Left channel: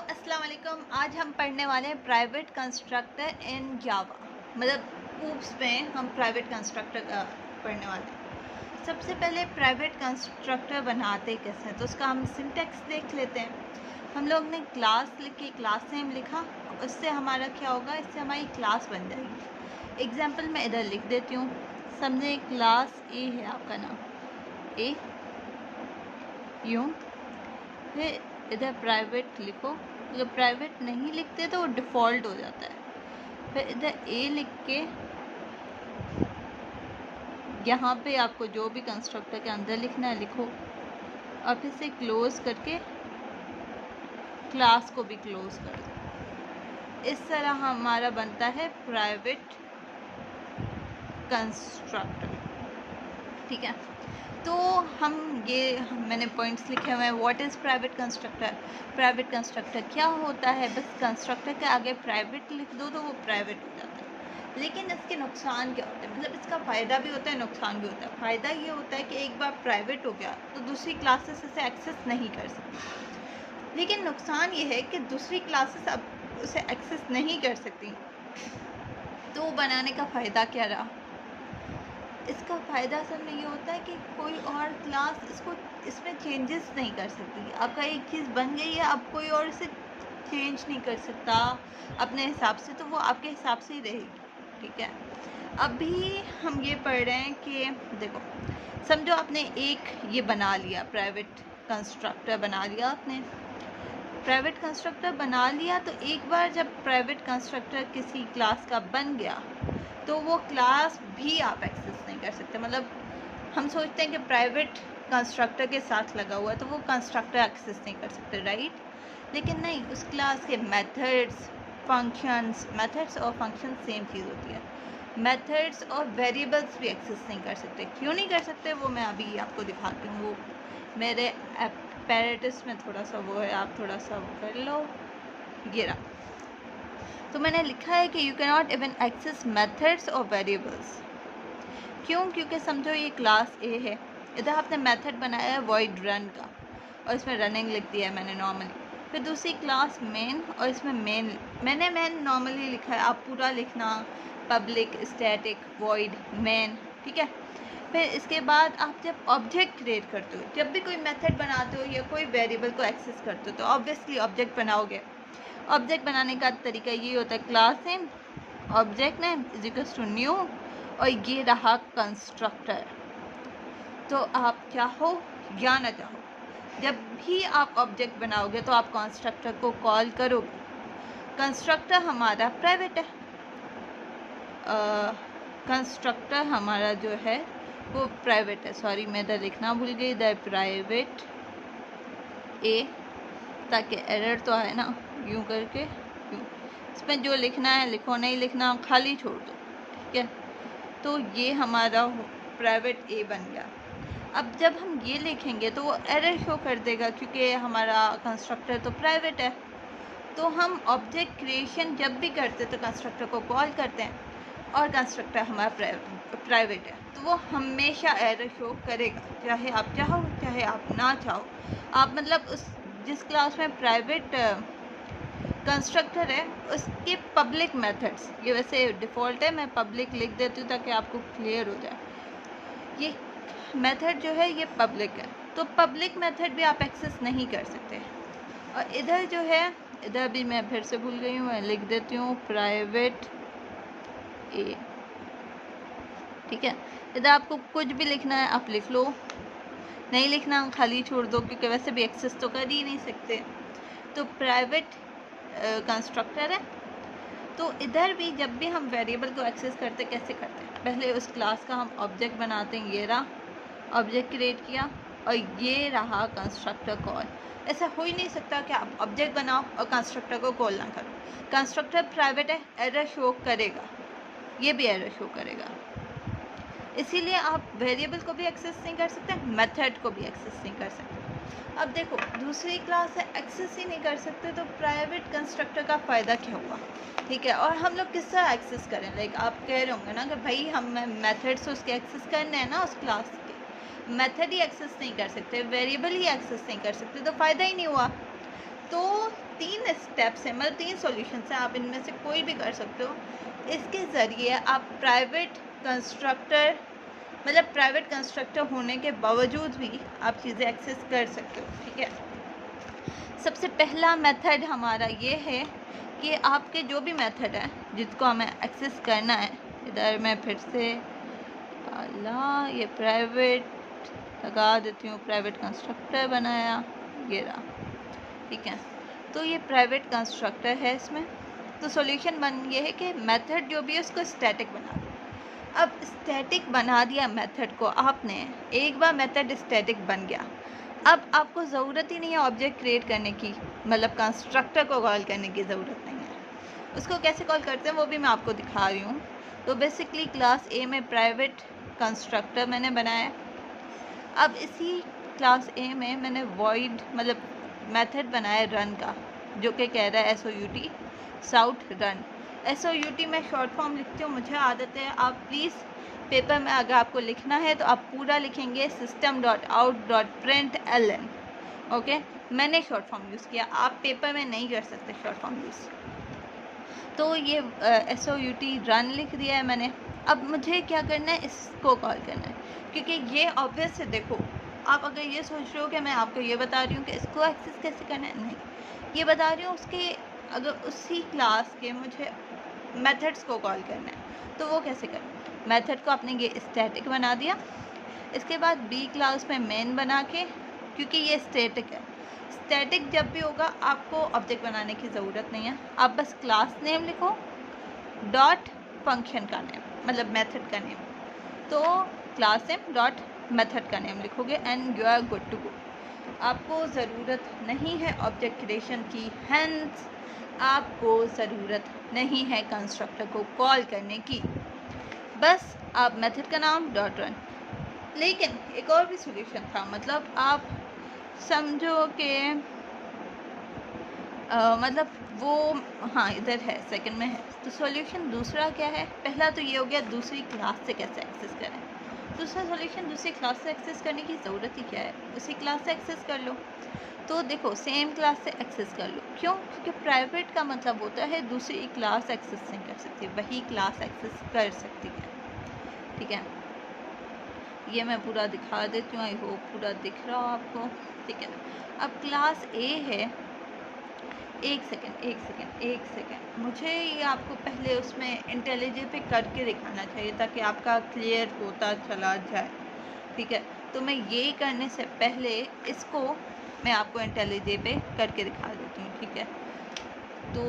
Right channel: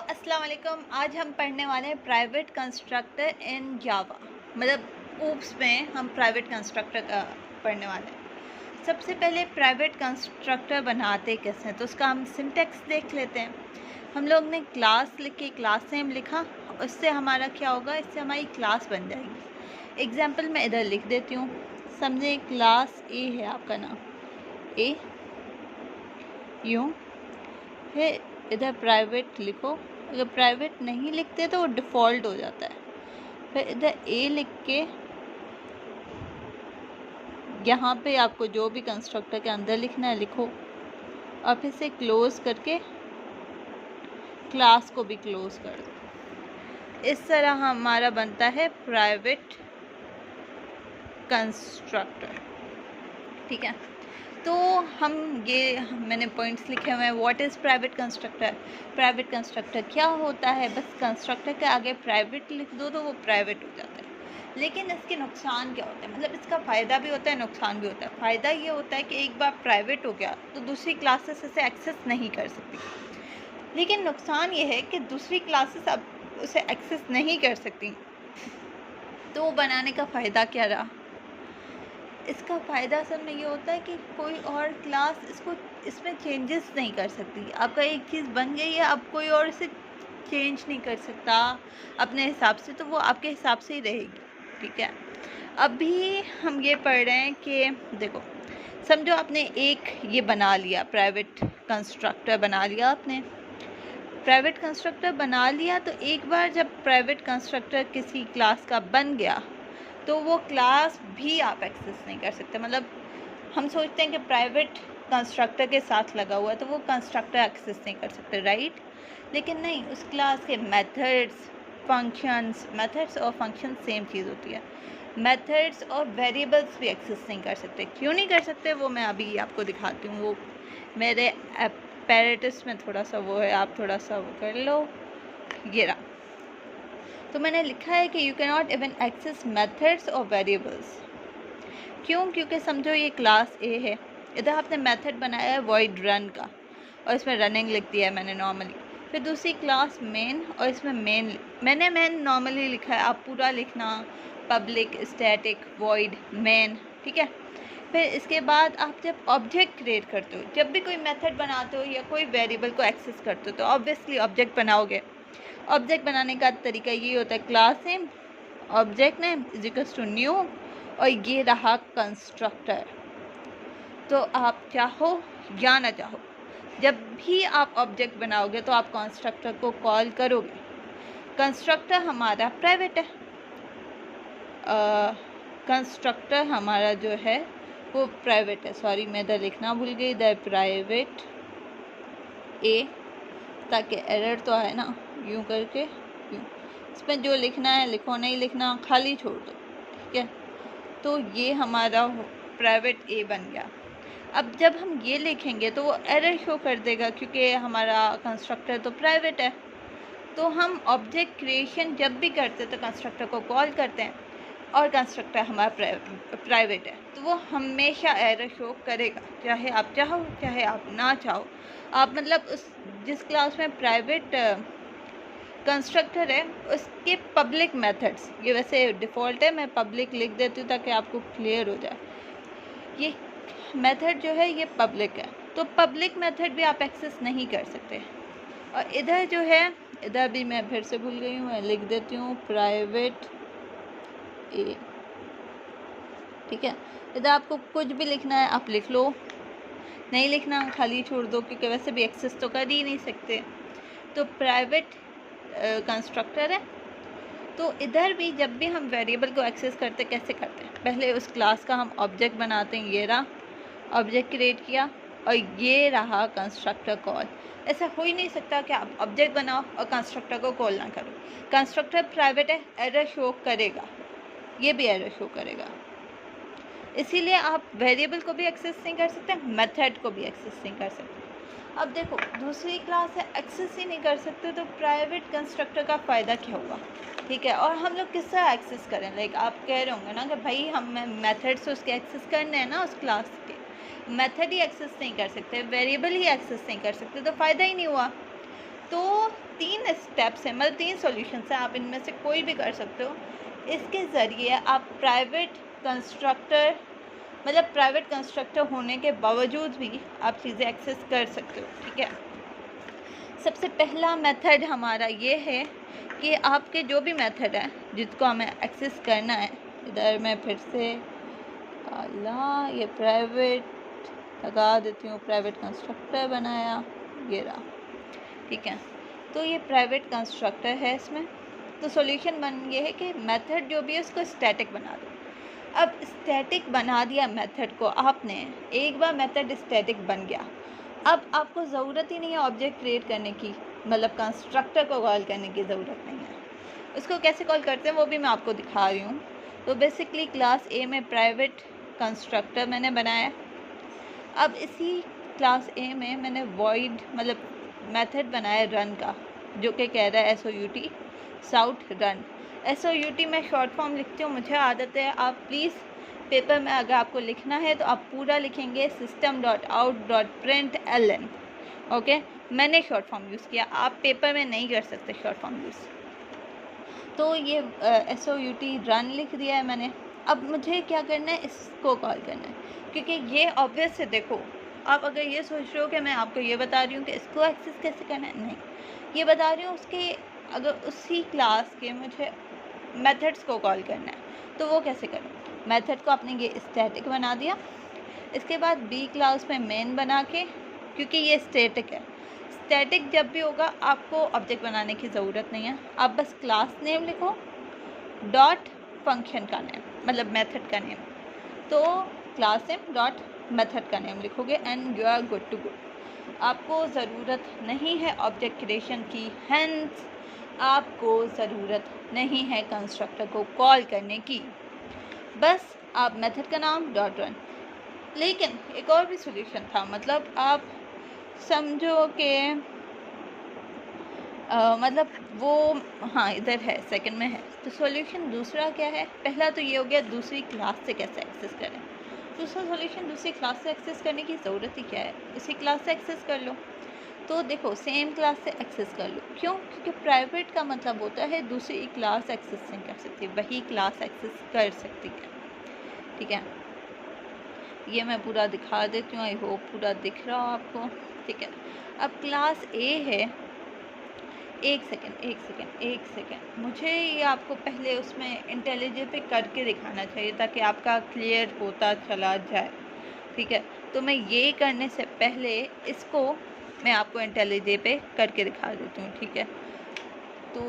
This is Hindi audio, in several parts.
अस्सलाम वालेकुम। आज हम पढ़ने वाले हैं प्राइवेट कंस्ट्रक्टर इन जावा। मतलब ऊप्स में हम प्राइवेट कंस्ट्रक्टर पढ़ने वाले हैं। सबसे पहले प्राइवेट कंस्ट्रक्टर बनाते कैसे हैं तो उसका हम सिंटैक्स देख लेते हैं। हम लोग ने क्लास लिखी, क्लास नेम लिखा, उससे हमारा क्या होगा, इससे हमारी क्लास बन जाएगी। एग्जाम्पल मैं इधर लिख देती हूँ। समझे क्लास ए है आपका नाम, ए यूँ, फिर इधर प्राइवेट लिखो। अगर प्राइवेट नहीं लिखते तो वो डिफ़ॉल्ट हो जाता है। फिर इधर ए लिख के यहाँ पे आपको जो भी कंस्ट्रक्टर के अंदर लिखना है लिखो, और फिर से क्लोज़ करके क्लास को भी क्लोज़ कर दो। इस तरह हमारा बनता है प्राइवेट कंस्ट्रक्टर। ठीक है, तो हम ये मैंने पॉइंट्स लिखे हुए हैं। What is private constructor? Private constructor क्या होता है? बस कंस्ट्रक्टर के आगे प्राइवेट लिख दो तो वो प्राइवेट हो जाता है। लेकिन इसके नुकसान क्या होते हैं? मतलब इसका फ़ायदा भी होता है, नुकसान भी होता है। फ़ायदा ये होता है कि एक बार प्राइवेट हो गया तो दूसरी क्लासेस इसे एक्सेस नहीं कर सकती। लेकिन नुकसान ये है कि दूसरी क्लासेस अब उसे एक्सेस नहीं कर सकती। तो बनाने का फ़ायदा क्या रहा? इसका फ़ायदा असल में ये होता है कि कोई और क्लास इसमें चेंजेस नहीं कर सकती। आपका एक चीज़ बन गई है, अब कोई और इसे चेंज नहीं कर सकता अपने हिसाब से, तो वो आपके हिसाब से ही रहेगी। ठीक है, अभी हम ये पढ़ रहे हैं कि देखो, समझो आपने एक ये बना लिया, प्राइवेट कंस्ट्रक्टर बना लिया आपने। प्राइवेट कंस्ट्रक्टर बना लिया तो एक बार जब प्राइवेट कंस्ट्रक्टर किसी क्लास का बन गया तो वो क्लास भी आप एक्सेस नहीं कर सकते। मतलब हम सोचते हैं कि प्राइवेट कंस्ट्रक्टर के साथ लगा हुआ है तो वो कंस्ट्रक्टर एक्सेस नहीं कर सकते, राइट? लेकिन नहीं, उस क्लास के मेथड्स और फंक्शंस सेम चीज़ होती है। मेथड्स और वेरिएबल्स भी एक्सेस नहीं कर सकते। क्यों नहीं कर सकते वो मैं अभी आपको दिखाती हूँ। वो मेरे एपेरेटस में थोड़ा सा वो है, आप थोड़ा सा वो कर लो। ये रहा, तो मैंने लिखा है कि you can not even access methods और वेरिएबल्स। क्यों? क्योंकि समझो ये क्लास ए है, इधर आपने मेथड बनाया है वॉइड रन का और इसमें रनिंग लिख दिया है मैंने नॉर्मली। फिर दूसरी क्लास मेन और इसमें मैंने नॉर्मली लिखा है, आप पूरा लिखना पब्लिक स्टैटिक वॉइड मेन। ठीक है, फिर इसके बाद आप जब ऑब्जेक्ट क्रिएट करते हो, जब भी कोई मेथड बनाते हो या कोई वेरिएबल को एक्सेस करते हो तो ऑब्वियसली ऑब्जेक्ट बनाओगे। ऑब्जेक्ट बनाने का तरीका ये होता है, class name object name is equals to new, और ये रहा कंस्ट्रक्टर। तो आप चाहो या ना चाहो, जब भी आप ऑब्जेक्ट बनाओगे तो आप कंस्ट्रक्टर को कॉल करोगे। कंस्ट्रक्टर हमारा प्राइवेट है, कंस्ट्रक्टर हमारा जो है वो प्राइवेट है। सॉरी, मैं इधर लिखना भूल गई, इधर प्राइवेट ए, ताकि एरर तो आए ना, यूँ करके यूँ। इसमें जो लिखना है लिखो, नहीं लिखना खाली छोड़ दो। ठीक है, तो ये हमारा प्राइवेट ए बन गया। अब जब हम ये लिखेंगे तो वो एरर शो कर देगा क्योंकि हमारा कंस्ट्रक्टर तो प्राइवेट है। तो हम ऑब्जेक्ट क्रिएशन जब भी करते तो कंस्ट्रक्टर को कॉल करते हैं और कंस्ट्रक्टर हमारा प्राइवेट है, तो वो हमेशा एरर शो करेगा, चाहे आप चाहो चाहे आप ना चाहो। आप मतलब उस जिस क्लास में प्राइवेट कंस्ट्रक्टर है उसके पब्लिक मेथड्स, ये वैसे डिफ़ॉल्ट है, मैं पब्लिक लिख देती हूँ ताकि आपको क्लियर हो जाए। ये मेथड जो है ये पब्लिक है, तो पब्लिक मेथड भी आप एक्सेस नहीं कर सकते। और इधर जो है, इधर भी मैं फिर से भूल गई हूँ, मैं लिख देती हूँ प्राइवेट ए। ठीक है, इधर आपको कुछ भी लिखना है आप लिख लो, नहीं लिखना खाली छोड़ दो क्योंकि वैसे भी एक्सेस तो कर ही नहीं सकते। तो प्राइवेट कंस्ट्रक्टर है। तो इधर भी जब भी हम वेरिएबल को एक्सेस करते कैसे करते हैं, पहले उस क्लास का हम ऑब्जेक्ट बनाते हैं, ये रहा ऑब्जेक्ट क्रिएट किया, और ये रहा कंस्ट्रक्टर कॉल। ऐसा हो ही नहीं सकता कि आप ऑब्जेक्ट बनाओ और कंस्ट्रक्टर को कॉल ना करो। कंस्ट्रक्टर प्राइवेट है, एरर शो करेगा, ये भी एरर शो करेगा। इसीलिए आप वेरिएबल को भी एक्सेस नहीं कर सकते, मेथड को भी एक्सेस नहीं कर सकते। अब देखो, दूसरी क्लास है एक्सेस ही नहीं कर सकते तो प्राइवेट कंस्ट्रक्टर का फ़ायदा क्या हुआ? ठीक है, और हम लोग किस तरह एक्सेस करें? लाइक आप कह रहे होंगे ना कि भाई हम मेथड्स उसके एक्सेस करने हैं ना, उस क्लास के मेथड ही एक्सेस नहीं कर सकते, वेरिएबल ही एक्सेस नहीं कर सकते, तो फ़ायदा ही नहीं हुआ। तो 3 स्टेप्स हैं, मतलब 3 सॉल्यूशंस हैं, आप इनमें से कोई भी कर सकते हो। इसके ज़रिए आप प्राइवेट कंस्ट्रक्टर, मतलब प्राइवेट कंस्ट्रक्टर होने के बावजूद भी आप चीज़ें एक्सेस कर सकते हो, ठीक है। सबसे पहला मेथड हमारा ये है कि आपके जो भी मेथड है जिसको हमें एक्सेस करना है, इधर मैं फिर से अल्लाह ये प्राइवेट लगा देती हूँ, प्राइवेट कंस्ट्रक्टर बनाया, ये रहा, ठीक है। तो ये प्राइवेट कंस्ट्रक्टर है इसमें। तो सॉल्यूशन बन ये है कि मेथड जो भी है उसको स्टैटिक बना दो। अब स्टैटिक बना दिया मेथड को आपने, एक बार मेथड स्टैटिक बन गया, अब आपको ज़रूरत ही नहीं है ऑब्जेक्ट क्रिएट करने की, मतलब कंस्ट्रक्टर को कॉल करने की ज़रूरत नहीं है। उसको कैसे कॉल करते हैं वो भी मैं आपको दिखा रही हूँ। तो बेसिकली क्लास ए में प्राइवेट कंस्ट्रक्टर मैंने बनाया। अब इसी क्लास ए में मैंने वॉइड मतलब मेथड बनाया रन का, जो कि कह रहा है SOUT साउट रन। SOUT मैं शॉर्ट फॉर्म लिखती हूँ, मुझे आदत है। आप प्लीज़ पेपर में अगर आपको लिखना है तो आप पूरा लिखेंगे system.out.println, ओके। मैंने शॉर्ट फॉर्म यूज़ किया, आप पेपर में नहीं कर सकते शॉर्ट फॉर्म यूज़। तो ये SOUT रन लिख दिया है मैंने। अब मुझे क्या करना है, इसको कॉल करना है, क्योंकि ये ऑब्वियस है। देखो, आप अगर ये सोच रहे हो कि मैं आपको ये बता रही हूँ कि इसको एक्सेस कैसे करना है, नहीं, ये बता रही हूँ उसके अगर उसी क्लास के मुझे मेथड्स को कॉल करना है तो वो कैसे करूँ। मेथड को आपने ये स्टैटिक बना दिया, इसके बाद बी क्लास में मेन बना के, क्योंकि ये स्टैटिक है, स्टैटिक जब भी होगा आपको ऑब्जेक्ट बनाने की ज़रूरत नहीं है। आप बस क्लास नेम लिखो डॉट फंक्शन का नेम, मतलब मेथड का नेम। तो क्लास नेम डॉट मेथड का नेम लिखोगे and you are good to go. आपको ज़रूरत नहीं है ऑब्जेक्ट क्रिएशन की, हेंस आपको ज़रूरत नहीं है कंस्ट्रक्टर को कॉल करने की, बस आप मेथड का नाम डॉट रन। लेकिन एक और भी सॉल्यूशन था, मतलब आप समझो कि मतलब वो, हाँ इधर है, सेकंड में है। तो सॉल्यूशन दूसरा क्या है, पहला तो ये हो गया दूसरी क्लास से कैसे एक्सेस करें। दूसरा सॉल्यूशन, दूसरी क्लास से एक्सेस करने की ज़रूरत ही क्या है, उसी क्लास से एक्सेस कर लो। तो देखो, सेम क्लास से एक्सेस कर लो, क्यों? क्योंकि प्राइवेट का मतलब होता है दूसरी क्लास एक्सेस नहीं कर सकती, वही क्लास एक्सेस कर सकती है, ठीक है। ये मैं पूरा दिखा देती हूँ, आई होप पूरा दिख रहा हो आपको, ठीक है। अब क्लास ए है, एक सेकेंड, मुझे ये आपको पहले उसमें इंटेलिजेंस पे करके दिखाना चाहिए ताकि आपका क्लियर होता चला जाए, ठीक है। तो मैं ये करने से पहले इसको मैं आपको इंटेलिजेंस पे करके दिखा देती हूँ, ठीक है। तो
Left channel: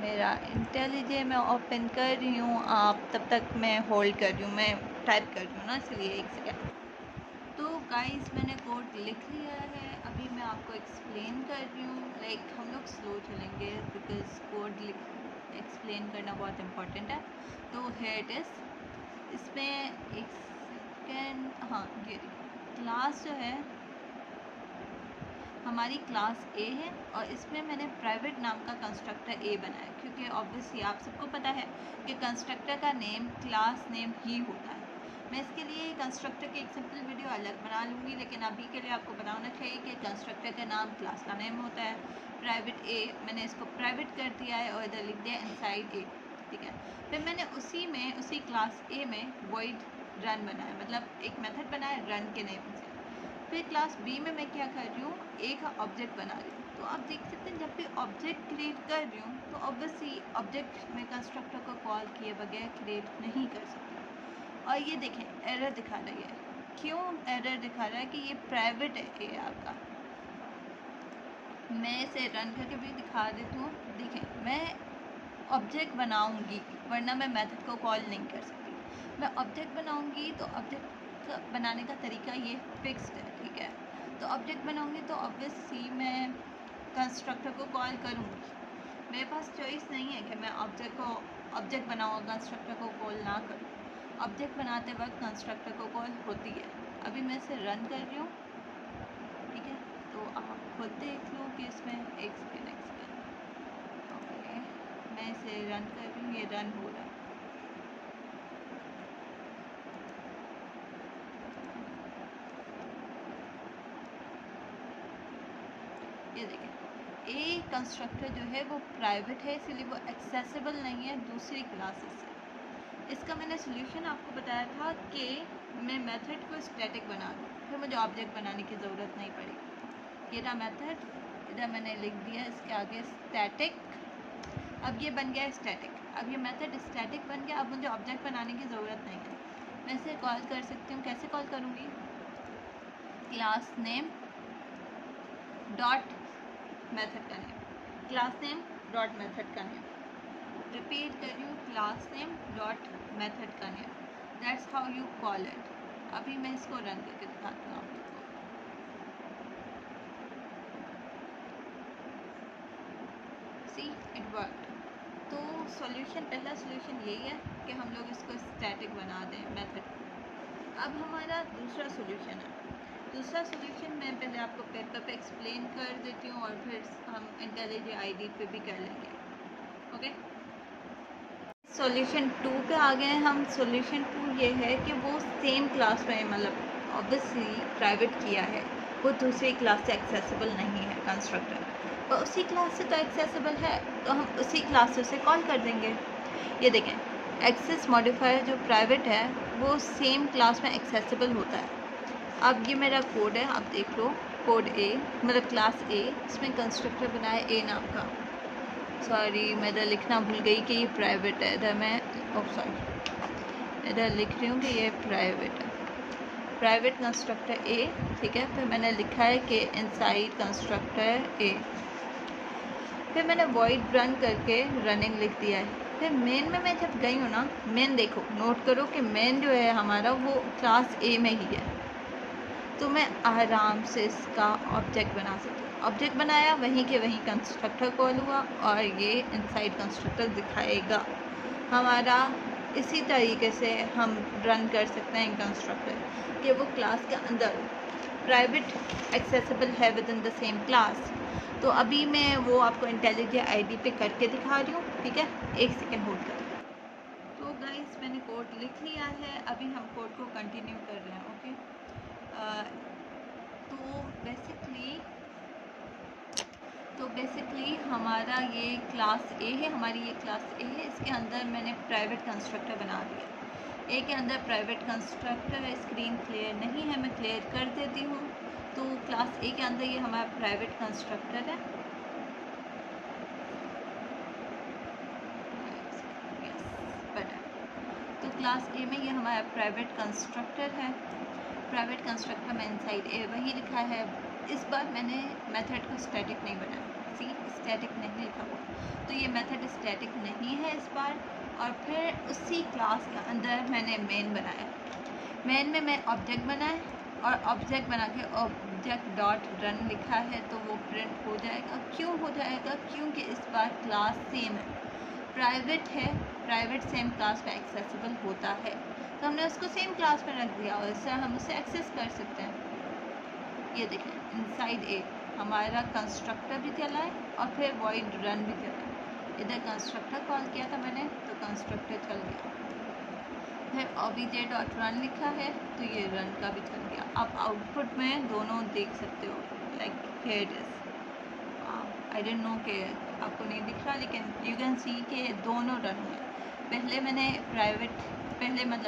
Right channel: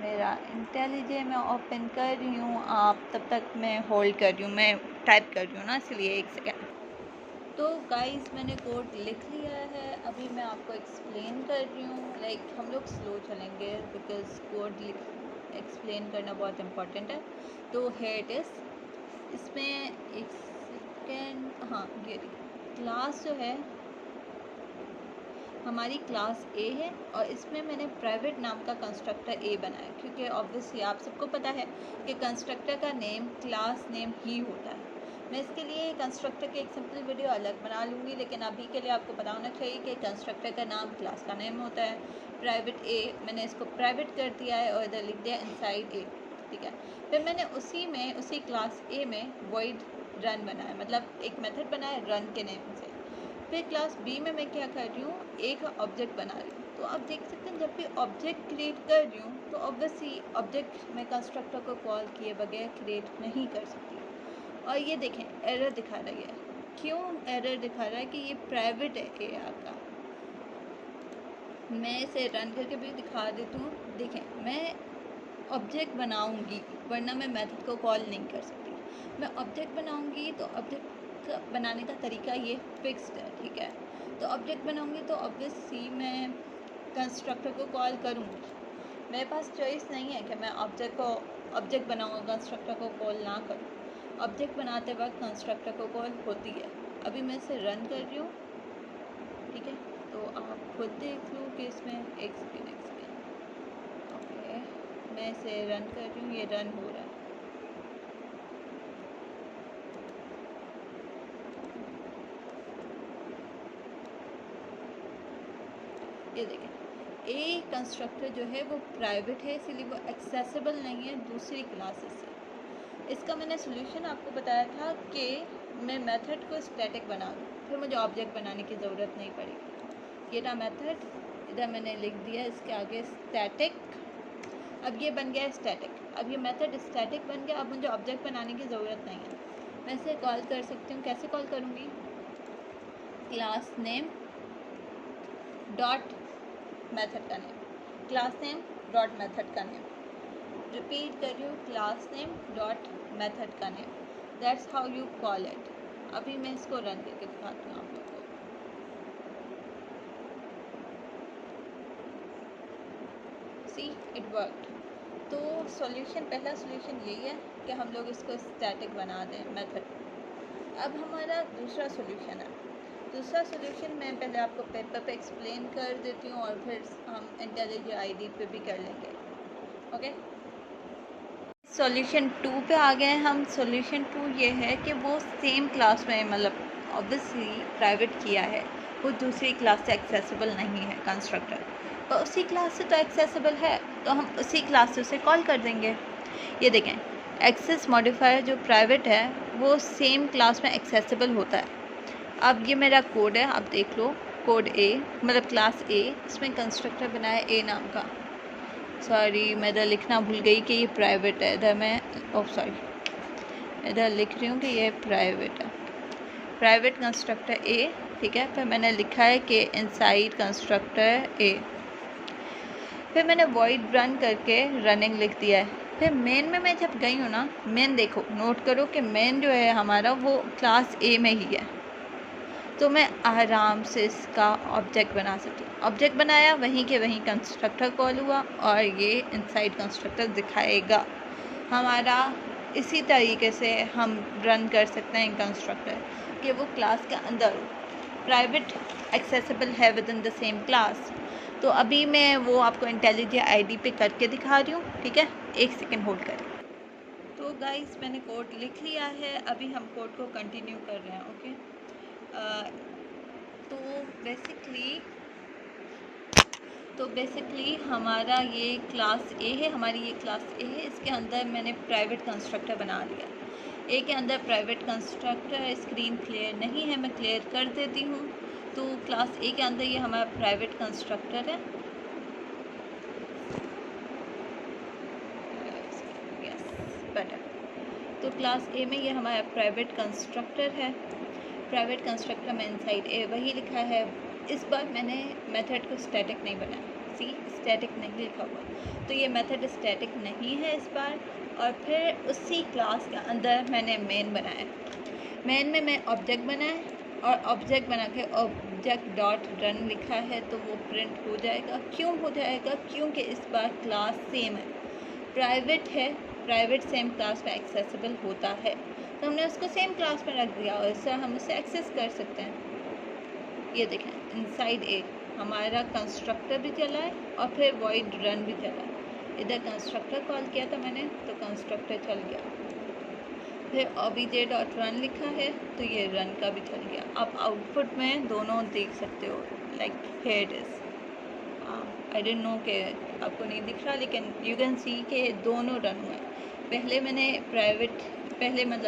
मेरा इंटेलिजेंस मैं ओपन कर रही हूँ, आप तब तक मैं होल्ड कर रही हूँ, मैं टाइप कर रही हूँ ना, इसलिए एक सेकेंड। तो गाइस मैंने कोड लिख लिया है, अभी मैं आपको एक्सप्लेन कर रही हूँ। लाइक हम लोग स्लो चलेंगे बिकॉज कोड एक्सप्लेन करना बहुत इम्पोर्टेंट है। तो है इट इज़, इसमें एक सेकेंड, हाँ ये क्लास जो है हमारी क्लास ए है और इसमें मैंने प्राइवेट नाम का कंस्ट्रक्टर ए बनाया, क्योंकि ऑब्वियसली आप सबको पता है कि कंस्ट्रक्टर का नेम क्लास नेम ही होता है। मैं इसके लिए कंस्ट्रक्टर की एक सिंपल वीडियो अलग बना लूँगी, लेकिन अभी के लिए आपको पता होना चाहिए कि कंस्ट्रक्टर का नाम क्लास का नेम होता है। प्राइवेट ए, मैंने इसको प्राइवेट कर दिया है और इधर लिख दिया इनसाइड ए, ठीक है। फिर मैंने उसी क्लास ए में वॉइड रन बनाया, मतलब एक मेथड बनाया रन के नेम से। फिर क्लास बी में मैं क्या कर रही हूँ, एक ऑब्जेक्ट बना रही हूँ। तो आप देख सकते हैं जब भी ऑब्जेक्ट क्रिएट कर रही हूँ तो ऑब्वियसली ऑब्जेक्ट में कंस्ट्रक्टर को कॉल किए बगैर क्रिएट नहीं कर सकती। और ये देखें एरर दिखा रही है, क्यों एरर दिखा रहा है कि ये प्राइवेट है ए आपका। मैं इसे रन करके भी दिखा देती हूँ। देखें, मैं ऑब्जेक्ट बनाऊँगी वरना मैं मेथड को कॉल नहीं कर सकती। मैं ऑब्जेक्ट बनाऊँगी तो ऑब्जेक्ट बनाने का तरीका ये फिक्स्ड है, ठीक है। तो ऑब्जेक्ट बनाऊँगी तो ऑब्वियसली मैं कंस्ट्रक्टर को कॉल करूँगी, मेरे पास चॉइस नहीं है कि मैं ऑब्जेक्ट बनाऊँ कंस्ट्रक्टर को कॉल ना करूँ। ऑब्जेक्ट बनाते वक्त कंस्ट्रक्टर को कॉल होती है। अभी मैं इसे रन कर रही हूँ, ठीक है। तो आप खुद देख लो कि इसमें एक सेकेंड ओके, मैं इसे रन कर रही हूँ, ये रन हो रहा है। ये देखें, ए ये कंस्ट्रक्टर जो है वो प्राइवेट है, इसलिए वो एक्सेसिबल नहीं है दूसरी क्लासेस से। इसका मैंने सोल्यूशन आपको बताया था कि मैं मेथड को स्टैटिक बना दूँ, फिर मुझे ऑब्जेक्ट बनाने की ज़रूरत नहीं पड़ेगी। ये ना मेथड, इधर मैंने लिख दिया इसके आगे स्टैटिक, अब ये बन गया स्टैटिक। अब ये मेथड स्टैटिक बन गया, अब मुझे ऑब्जेक्ट बनाने की ज़रूरत नहीं है। मैं इसे कॉल कर सकती हूँ, कैसे कॉल करूँगी? क्लास नेम डॉट मेथड का name, class name dot method का नेम, रिपीट कर रही हूँ, क्लास नेम डॉट मेथड का name, that's how you call it. अभी मैं इसको रन करके दिखाती हूँ आप लोगों को। See it worked. तो सॉल्यूशन, पहला सॉल्यूशन यही है कि हम लोग इसको स्टैटिक बना दें मेथड को। अब हमारा दूसरा सॉल्यूशन है। दूसरा सॉल्यूशन मैं पहले आपको पेपर पे एक्सप्लेन कर देती हूँ और फिर हम इंटेलिजेंट आईडी पे भी कर लेंगे। ओके, सॉल्यूशन 2 पे आ गए हैं हम। सॉल्यूशन 2 ये है कि वो सेम क्लास में, मतलब ऑब्वियसली प्राइवेट किया है, वो दूसरी क्लास से एक्सेसिबल नहीं है कंस्ट्रक्टर, और उसी क्लास से तो एक्सेसिबल है, तो हम उसी क्लास से उसे कॉल कर देंगे। ये देखें, एक्सेस मॉडिफायर जो प्राइवेट है वो सेम क्लास में एक्सेसिबल होता है। अब ये मेरा कोड है, आप देख लो, कोड ए, मतलब क्लास ए, इसमें कंस्ट्रक्टर बनाया ए नाम का। सॉरी, मैं इधर लिखना भूल गई कि ये प्राइवेट है, इधर मैं सॉरी इधर लिख रही हूँ कि ये प्राइवेट है, प्राइवेट कंस्ट्रक्टर ए, ठीक है। फिर मैंने लिखा है कि इनसाइड कंस्ट्रक्टर ए, फिर मैंने वॉइड रन करके रनिंग लिख दिया है। फिर मेन में मैं जब गई हूँ ना, मेन देखो, नोट करो कि मेन जो है हमारा वो क्लास ए में ही है, तो मैं आराम से इसका ऑब्जेक्ट बना सकती हूँ। ऑब्जेक्ट बनाया, वहीं के वहीं कंस्ट्रक्टर कॉल हुआ और ये इनसाइड कंस्ट्रक्टर दिखाएगा हमारा। इसी तरीके से हम रन कर सकते हैं कंस्ट्रक्टर कि वो क्लास के अंदर प्राइवेट एक्सेसिबल है with in the same class. तो अभी मैं वो आपको इंटेलिजेंट आईडी पे करके दिखा रही हूँ, ठीक है, 1 सेकेंड होल्ड करें। तो गाइस, मैंने कोड लिख लिया है, अभी हम कोड को कंटिन्यू कर रहे हैं। ओके, तो बेसिकली हमारा ये क्लास ए है, हमारी ये क्लास ए है, इसके अंदर मैंने प्राइवेट कंस्ट्रक्टर बना लिया। ए के अंदर प्राइवेट कंस्ट्रक्टर, स्क्रीन क्लियर नहीं है, मैं क्लियर कर देती हूँ। तो क्लास ए के अंदर ये हमारा प्राइवेट कंस्ट्रक्टर है, यस बेटर। तो क्लास ए में ये हमारा प्राइवेट कंस्ट्रक्टर है। प्राइवेट कंस्ट्रक्टर में इनसाइड ए वही लिखा है। इस बार मैंने मेथड को स्टैटिक नहीं बनाया, सी स्टैटिक नहीं लिखा हुआ, तो ये मेथड स्टैटिक नहीं है इस बार। और फिर उसी क्लास के अंदर मैंने मेन बनाया। मेन में मैं ऑब्जेक्ट बनाए और ऑब्जेक्ट बना के ऑब्जेक्ट डॉट रन लिखा है, तो वो प्रिंट हो जाएगा। क्यों हो जाएगा? क्योंकि इस बार क्लास सेम है, प्राइवेट है, प्राइवेट सेम क्लास में एक्सेसिबल होता है, तो हमने उसको सेम क्लास में रख दिया और इससे हम उसे एक्सेस कर सकते हैं। ये देखें, इनसाइड ए हमारा कंस्ट्रक्टर भी चला है और फिर वॉइड रन भी चला है। इधर कंस्ट्रक्टर कॉल किया था मैंने, तो कंस्ट्रक्टर चल गया। फिर obj डॉट रन लिखा है, तो ये रन का भी चल गया। आप आउटपुट में दोनों देख सकते हो, like here it is. I don't know कि आपको नहीं दिख रहा, लेकिन यू कैन सी के दोनों रन हुए। पहले मैंने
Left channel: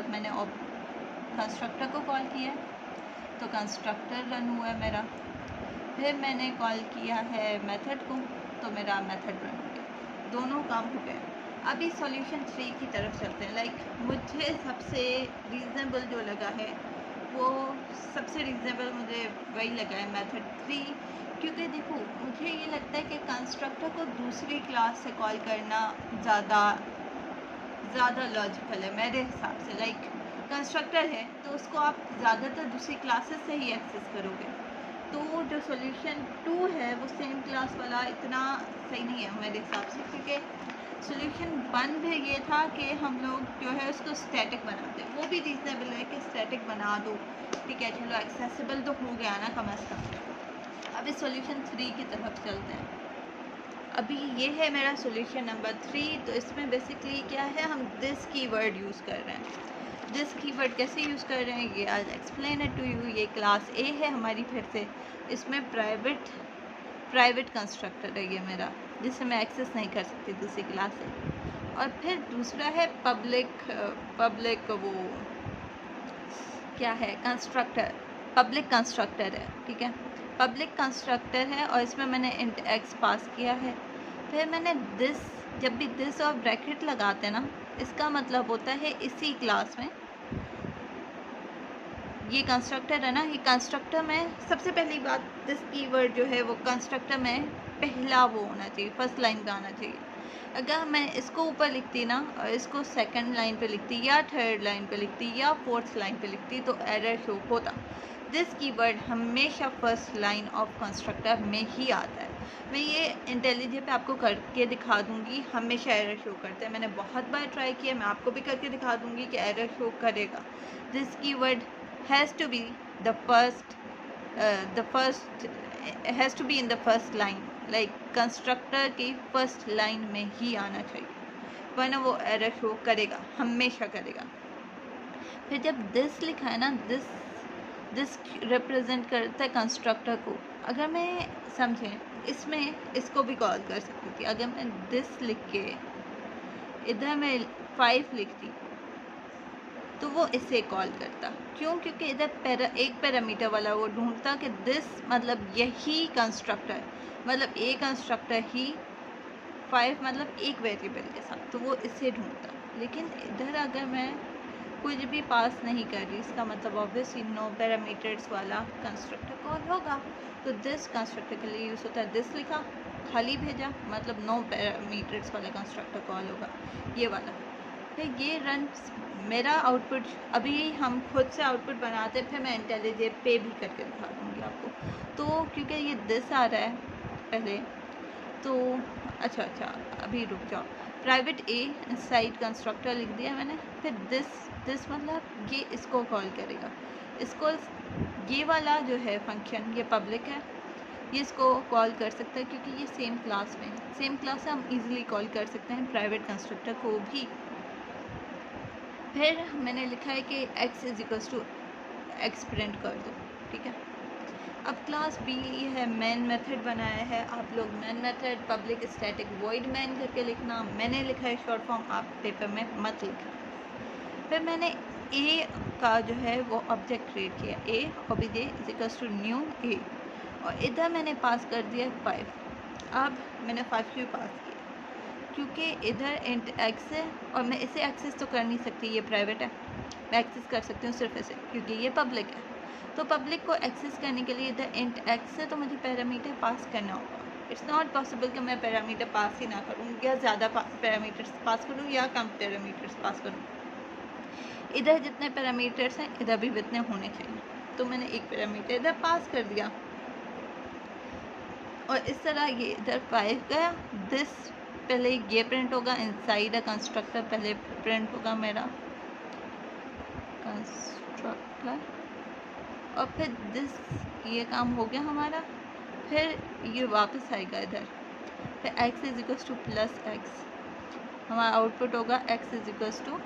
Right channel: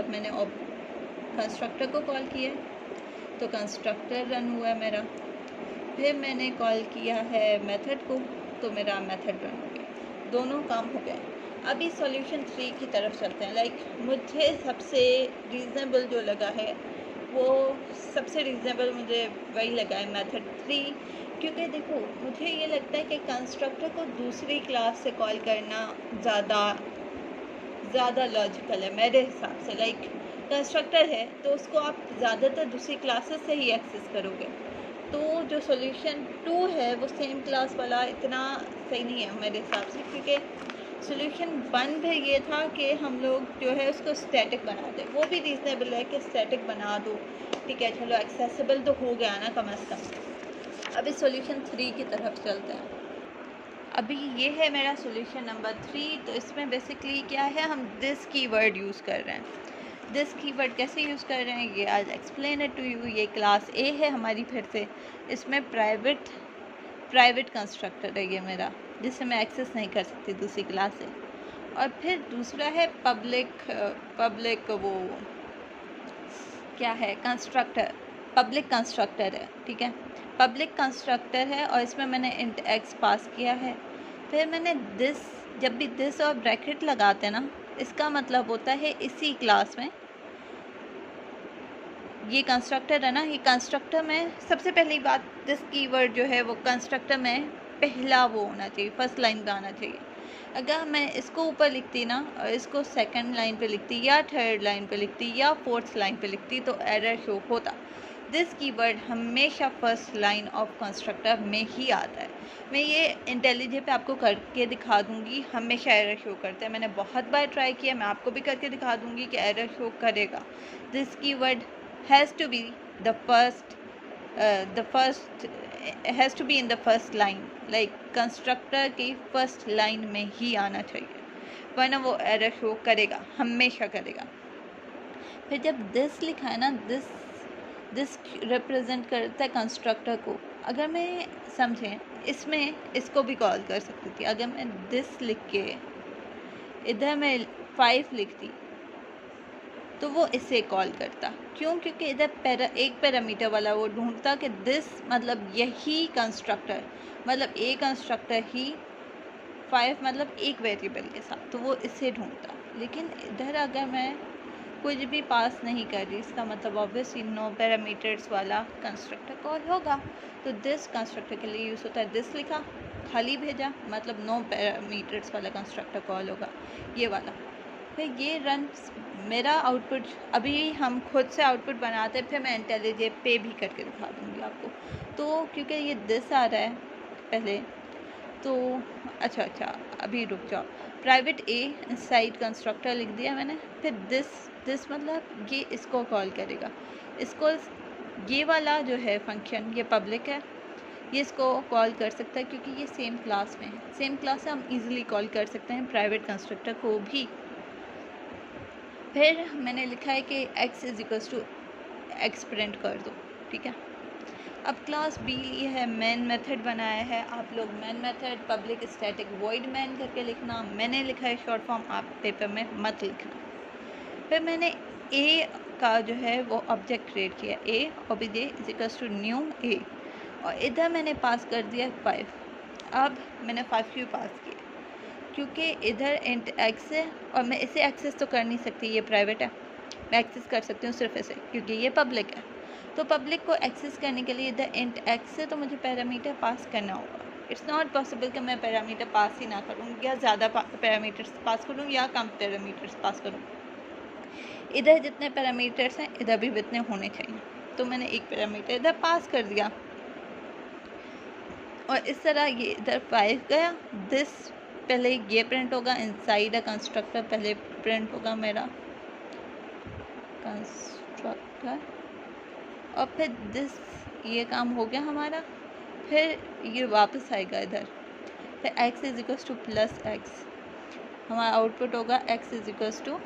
मैंने कंस्ट्रक्टर को कॉल किया, तो कंस्ट्रक्टर रन हुआ है मेरा। फिर मैंने कॉल किया है मेथड को, तो मेरा मेथड रन हो गया, दोनों काम हो गए। अभी सॉल्यूशन 3 की तरफ चलते हैं। लाइक मुझे सबसे रीज़नेबल जो लगा है, वो सबसे रीज़नेबल मुझे वही लगा है, मेथड 3। क्योंकि देखो, मुझे ये लगता है कि कंस्ट्रक्टर को दूसरी क्लास से कॉल करना ज़्यादा लॉजिकल है मेरे हिसाब से। लाइक कंस्ट्रक्टर है तो उसको आप ज़्यादातर दूसरी क्लासेस से ही एक्सेस करोगे। तो जो सॉल्यूशन 2 है वो सेम क्लास वाला इतना सही नहीं है मेरे हिसाब से, क्योंकि सॉल्यूशन 1 भी ये था कि हम लोग जो है उसको स्टैटिक बना दें। वो भी रीज़नेबल है कि स्टैटिक बना दो, ठीक है, चलो एक्सेसिबल तो हो गया ना कम से कम। अभी सॉल्यूशन 3 की तरफ चलते हैं। अभी ये है मेरा सॉल्यूशन नंबर 3। तो इसमें बेसिकली क्या है, हम दिस कीवर्ड यूज़ कर रहे हैं। दिस कीवर्ड कैसे यूज़ कर रहे हैं, ये आज एक्सप्लेन इट टू यू। ये क्लास ए है हमारी, फिर से इसमें प्राइवेट प्राइवेट कंस्ट्रक्टर है ये मेरा, जिससे मैं एक्सेस नहीं कर सकती दूसरी क्लास से। और फिर दूसरा है पब्लिक वो क्या है, कंस्ट्रक्टर, पब्लिक कंस्ट्रक्टर है, ठीक है, पब्लिक कंस्ट्रक्टर है और इसमें मैंने इंट एक्स पास किया है। फिर मैंने दिस, जब भी दिस और ब्रैकेट लगाते हैं ना, इसका मतलब होता है इसी क्लास में ये कंस्ट्रक्टर है ना, ये कंस्ट्रक्टर में सबसे पहली बात, दिस कीवर्ड जो है वो कंस्ट्रक्टर में पहला वो होना चाहिए, फर्स्ट लाइन का आना चाहिए। अगर मैं इसको ऊपर लिखती ना और इसको सेकंड लाइन पे लिखती या थर्ड लाइन पे लिखती या फोर्थ लाइन पे लिखती तो एरर शो होता। दिस कीवर्ड हमेशा फर्स्ट लाइन ऑफ कंस्ट्रक्टर में ही आता है। मैं ये इंटेलिजेंट पे आपको करके दिखा दूंगी, हमेशा एरर शो करता है। मैंने बहुत बार ट्राई किया, मैं आपको भी करके दिखा दूंगी कि एरर शो करेगा। This keyword has to be the first has to be in the first line, like constructor की फर्स्ट लाइन में ही आना चाहिए, वरना वो एरर शो करेगा, हमेशा करेगा। फिर जब दिस लिखा है ना, दिस रिप्रेजेंट करता है कंस्ट्रक्टर को। अगर मैं समझें, इसमें इसको भी कॉल कर सकती थी। अगर मैं दिस लिख के इधर मैं 5 लिखती तो वो इसे कॉल करता। क्यों? क्योंकि इधर एक पैरामीटर वाला वो ढूंढता कि दिस मतलब यही कंस्ट्रक्टर, मतलब ए कंस्ट्रक्टर ही 5 मतलब एक वेरिएबल के साथ, तो वो इसे ढूंढता। लेकिन इधर अगर मैं कुछ भी पास नहीं कर रही, इसका मतलब ऑब्वियसली नो पैरामीटर्स वाला कंस्ट्रक्टर कॉल होगा। तो दिस कंस्ट्रक्टर के लिए यूज़ होता है, दिस लिखा खाली भेजा मतलब नो पैरामीटर्स वाला कंस्ट्रक्टर कॉल होगा, ये वाला। फिर ये रन मेरा आउटपुट, अभी हम खुद से आउटपुट बनाते हैं, फिर मैं इंटेलिजेंट पे भी करके दिखा दूँगी आपको। तो क्योंकि ये दिस आ रहा है पहले, तो अच्छा अभी रुक जाओ। प्राइवेट ए इनसाइड कंस्ट्रक्टर लिख दिया मैंने। फिर दिस मतलब ये इसको कॉल करेगा, इसको ये वाला जो है फंक्शन ये पब्लिक है, ये इसको कॉल कर सकता है क्योंकि ये सेम क्लास में है। सेम क्लास से हम इजीली कॉल कर सकते हैं प्राइवेट कंस्ट्रक्टर को भी। फिर मैंने लिखा है कि x is equals to x print कर दो, ठीक है। अब क्लास बी है, मेन मेथड बनाया है, आप लोग main method public static void main करके लिखना। मैंने लिखा है शॉर्ट फॉर्म, आप पेपर में मत लिखना। फिर मैंने ए का जो है वो ऑब्जेक्ट क्रिएट किया, A OBJ is equals to new A, और इधर मैंने पास कर दिया 5। अब मैंने 5 क्यों पास किया? क्योंकि इधर इंट एक्स है और मैं इसे एक्सेस तो कर नहीं सकती, ये प्राइवेट है, मैं एक्सेस कर सकती हूँ सिर्फ इसे क्योंकि ये पब्लिक है। तो पब्लिक को एक्सेस करने के लिए इधर इंट एक्स से तो मुझे पैरामीटर पास करना होगा। इट्स नॉट पॉसिबल कि मैं पैरामीटर पास ही ना करूँ, या ज़्यादा पैरामीटर्स पास करूँ या कम पैरामीटर्स पास करूँ। इधर जितने पैरामीटर्स हैं इधर भी उतने होने चाहिए, तो मैंने एक पैरामीटर इधर पास कर दिया और इस तरह ये इधर 5 गया। दिस पहले ये प्रिंट होगा, इनसाइड अ कंस्ट्रक्टर पहले प्रिंट होगा मेरा कंस्ट्रक्टर, और फिर दिस, ये काम हो गया हमारा। फिर ये वापस आएगा इधर, फिर x is equals to plus x, हमारा आउटपुट होगा x is equals to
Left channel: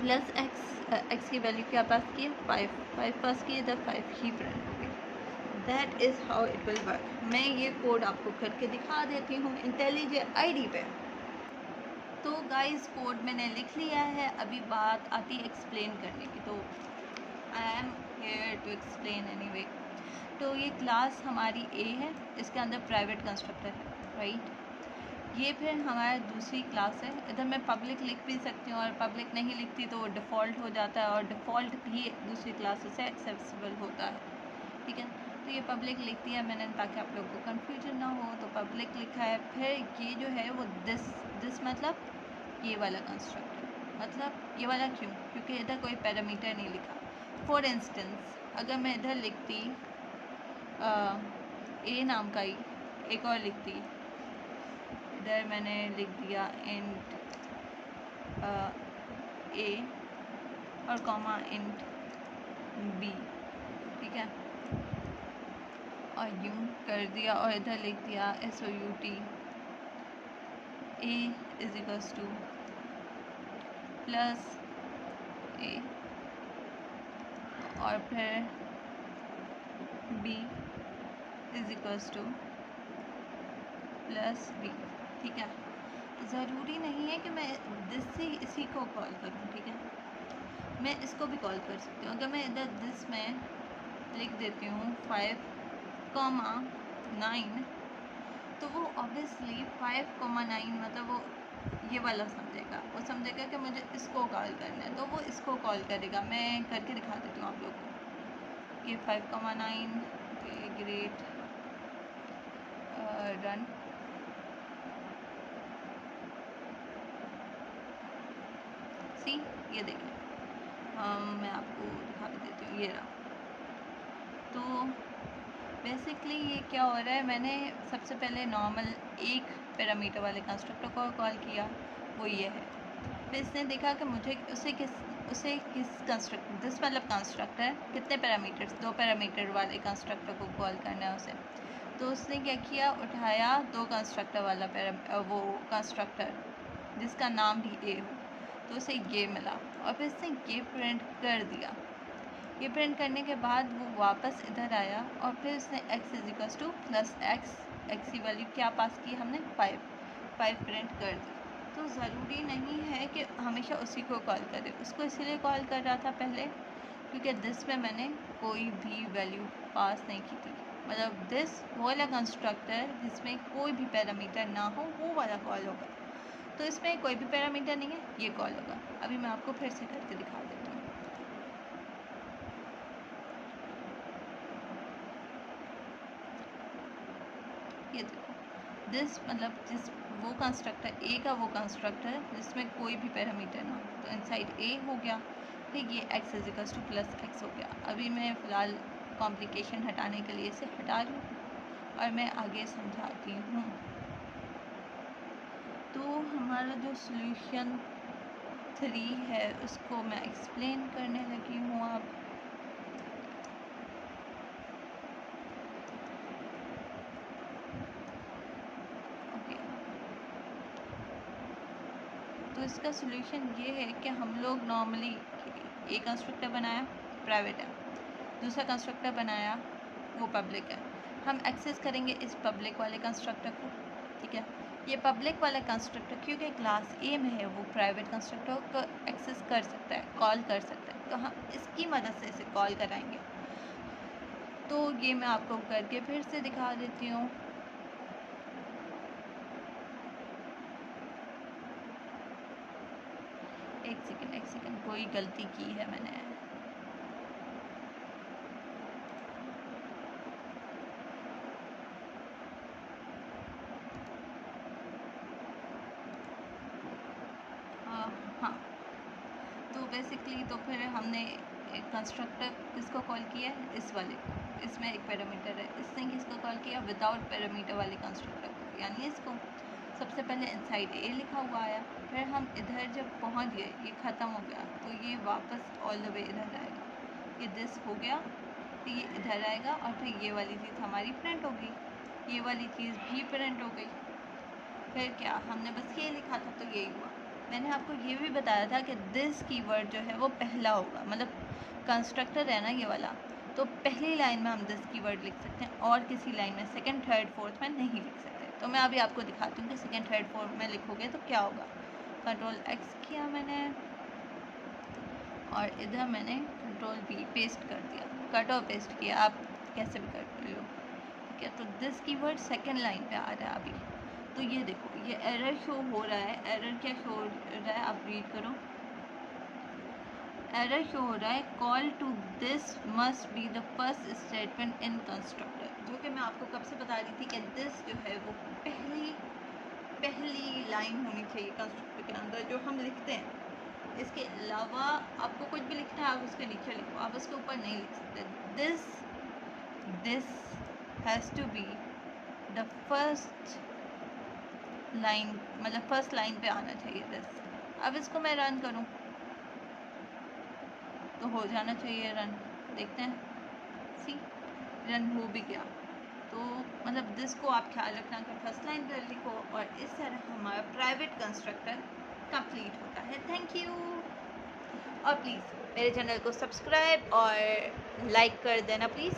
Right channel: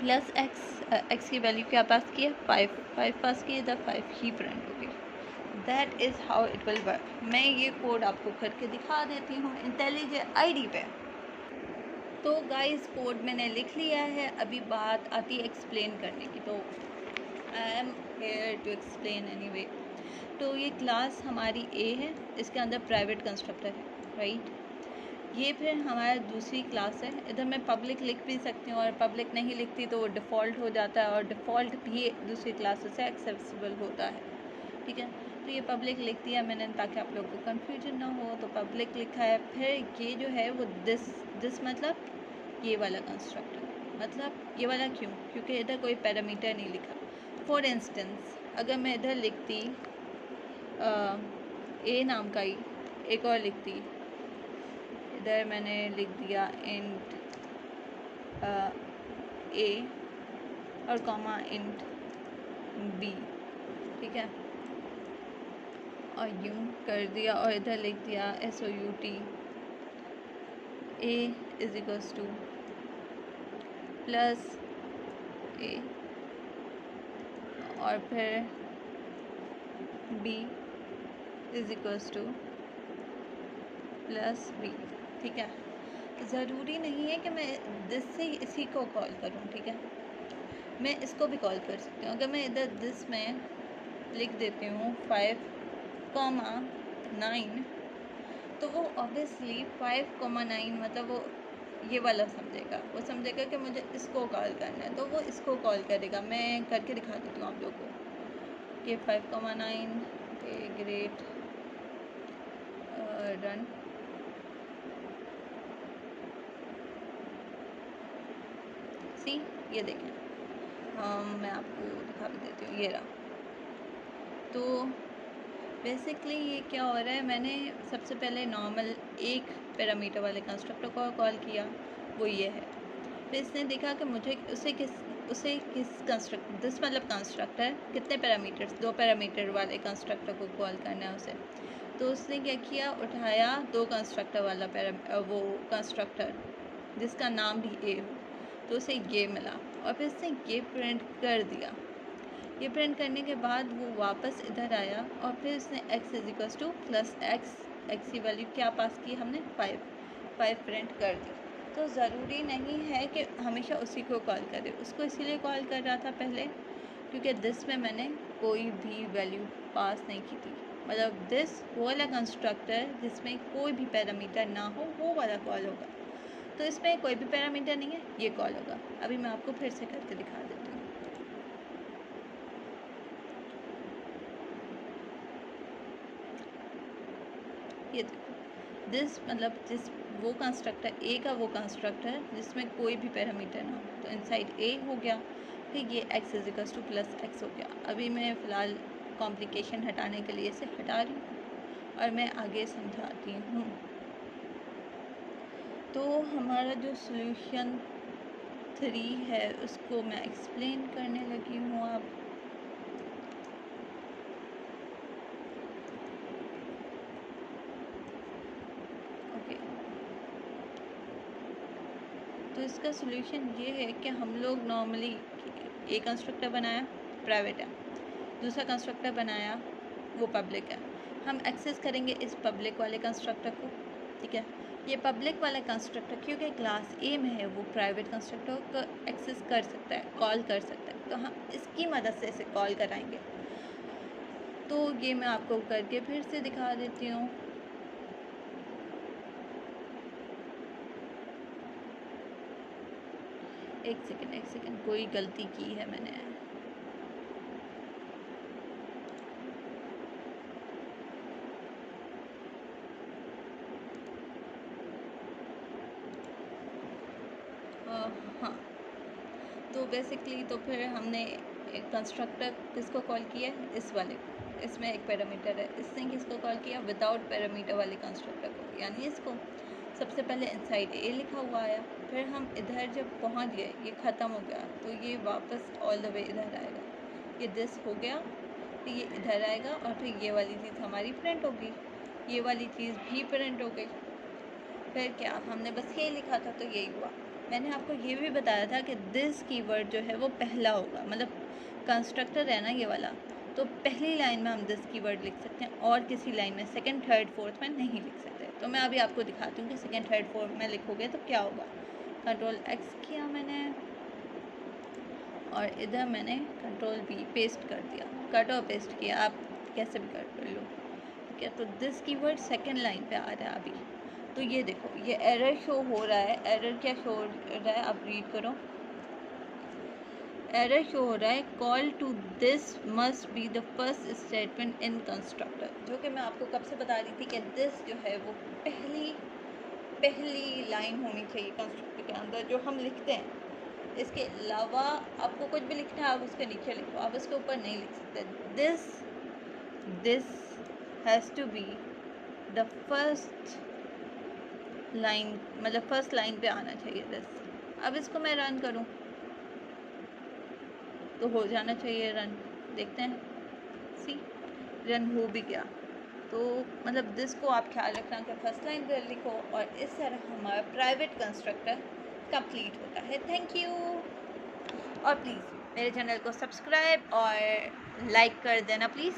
plus x की वैल्यू क्या पास किया? 5 पास किए, इधर 5 ही प्रिंट होगी। That is how it will work. मैं ये कोड आपको करके दिखा देती हूँ इंटेलिजेंट आईडी पे। तो गाइस कोड मैंने लिख लिया है, अभी बात आती है एक्सप्लेन करने की, तो I am here to explain anyway. तो ये क्लास हमारी ए है, इसके अंदर प्राइवेट कंस्ट्रक्टर है, राइट। ये फिर हमारी दूसरी क्लास है, इधर मैं पब्लिक लिख भी सकती हूँ और पब्लिक नहीं लिखती तो वो डिफ़ॉल्ट हो जाता है, और डिफ़ॉल्ट भी दूसरी क्लासेस से एक्सेसिबल होता है, ठीक है। तो ये पब्लिक लिख दिया मैंने ताकि आप लोगों को कन्फ्यूजन ना हो, तो पब्लिक लिखा है। फिर ये जो है वो दिस मतलब ये वाला कंस्ट्रक्टर, मतलब ये वाला क्यों? क्योंकि इधर कोई पैरामीटर नहीं लिखा। फॉर इंस्टेंस अगर मैं इधर लिखती ए नाम का ही एक और लिखती, इधर मैंने लिख दिया इंट ए और कॉमा इंट बी, ठीक है, और यूँ कर दिया, और इधर लिख दिया SOUT A is equals to plus A, और फिर B is equals to plus B. ठीक है, ज़रूरी नहीं है कि मैं दिस से इसी को कॉल करूँ। ठीक है, मैं इसको भी कॉल कर सकती हूँ। अगर मैं इधर दिस में लिख देती हूँ 5,9, तो वो ऑब्वियसली 5,9 मतलब वो ये वाला समझेगा, वो समझेगा कि मुझे इसको कॉल करना है, तो वो इसको कॉल करेगा। मैं करके दिखा देती हूँ आप लोगों को कि 5,9 के ग्रेट रन। सी, ये देखें, मैं आपको दिखा भी देती हूँ, ये रहा। तो बेसिकली ये क्या हो रहा है, मैंने सबसे पहले नॉर्मल एक पैरामीटर वाले कंस्ट्रक्टर को कॉल किया, वो ये है। फिर इसने देखा कि मुझे उसे किस कंस्ट्रक्टर, दिस मतलब कंस्ट्रक्टर कितने पैरामीटर्स, 2 पैरामीटर वाले कंस्ट्रक्टर को कॉल करना है उसे। तो उसने क्या किया, उठाया 2 कंस्ट्रक्टर वाला वो कंस्ट्रक्टर जिसका नाम भी ए हो, तो उसे ये मिला और फिर इसने ये प्रिंट कर दिया। ये प्रिंट करने के बाद वो वापस इधर आया और फिर उसने x is equal two plus x की वैल्यू क्या पास की हमने, 5 प्रिंट कर दी। तो ज़रूरी नहीं है कि हमेशा उसी को कॉल करें। उसको इसीलिए कॉल कर रहा था पहले क्योंकि दिस में मैंने कोई भी वैल्यू पास नहीं की थी। मतलब दिस वो वाला कंस्ट्रक्टर जिसमें कोई भी पैरामीटर ना हो वो वाला कॉल होगा। तो इसमें कोई भी पैरामीटर नहीं है, ये कॉल होगा। अभी मैं आपको फिर से करके दिखा देती हूँ। ये देखो, दिस मतलब जिस वो कंस्ट्रक्टर ए का वो कंस्ट्रक्टर जिसमें कोई भी पैरामीटर ना हो, तो इनसाइड ए हो गया। ठीक, ये x is equals to plus x हो गया। अभी मैं फ़िलहाल कॉम्प्लिकेशन हटाने के लिए इसे हटा रही हूँ और मैं आगे समझाती हूँ। तो हमारा जो सॉल्यूशन 3 है उसको मैं एक्सप्लेन करने लगी हूँ। आप ओके, तो इसका सॉल्यूशन ये है कि हम लोग नॉर्मली एक कंस्ट्रक्टर बनाया, प्राइवेट है, दूसरा कंस्ट्रक्टर बनाया वो पब्लिक है। हम एक्सेस करेंगे इस पब्लिक वाले कंस्ट्रक्टर को। ठीक है, ये पब्लिक वाला कंस्ट्रक्टर क्योंकि क्लास ए में है वो प्राइवेट कंस्ट्रक्टर को एक्सेस कर सकता है, कॉल कर सकता है, तो हम इसकी मदद से इसे कॉल कराएंगे। तो ये मैं आपको करके फिर से दिखा देती हूँ। एक सेकेंड, कोई गलती की है मैंने। हाँ, तो बेसिकली तो फिर हमने एक कंस्ट्रक्टर किसको कॉल किया है, इस वाले को। इसमें एक पैरामीटर है, इसने किसको कॉल किया, विदाउट पैरामीटर वाले कंस्ट्रक्टर को, यानी इसको। सबसे पहले इनसाइड ए लिखा हुआ आया, फिर हम इधर जब पहुंच गए, ये ख़त्म हो गया, तो ये वापस ऑल द वे इधर आएगा। ये दिस हो गया, तो ये इधर आएगा और फिर ये वाली चीज़ हमारी प्रिंट होगी, ये वाली चीज़ भी प्रिंट हो गई। फिर क्या, हमने बस ये लिखा था तो यही हुआ। मैंने आपको ये भी बताया था कि दिस कीवर्ड जो है वो पहला होगा, मतलब कंस्ट्रक्टर है ना ये वाला, तो पहली लाइन में हम दिस कीवर्ड लिख सकते हैं और किसी लाइन में सेकंड थर्ड फोर्थ में नहीं लिख सकते। तो मैं अभी आपको दिखाती हूँ कि सेकंड थर्ड फोर्थ में लिखोगे तो क्या होगा। कंट्रोल एक्स किया मैंने और इधर मैंने कंट्रोल बी पेस्ट कर दिया, कट और पेस्ट किया, आप कैसे भी कर लो। ठीक है, तो दिस कीवर्ड सेकंड लाइन पे आ रहा है अभी। तो ये देखो, ये एरर शो हो रहा है। एरर क्या शो हो रहा है, आप रीड करो। एरर शो हो रहा है, call to this must be the first statement in constructor, जो कि मैं आपको कब से बता रही थी कि दिस जो है वो पहली लाइन होनी चाहिए कंस्ट्रक्टर के अंदर जो हम लिखते हैं। इसके अलावा आपको कुछ भी लिखना है आप उसके नीचे लिखो, आप उसके ऊपर नहीं लिख सकते। This has to be the first line, मतलब फर्स्ट लाइन पे आना चाहिए दिस। अब इसको मैं रन करूं तो हो जाना चाहिए रन। देखते हैं, सी रन हो भी गया। तो मतलब दिस को आप ख्याल रखना कि फर्स्ट लाइन पे लिखो और इस तरह हमारा प्राइवेट कंस्ट्रक्टर कंप्लीट होता है। थैंक यू, और प्लीज़ मेरे चैनल को सब्सक्राइब और लाइक कर देना प्लीज़।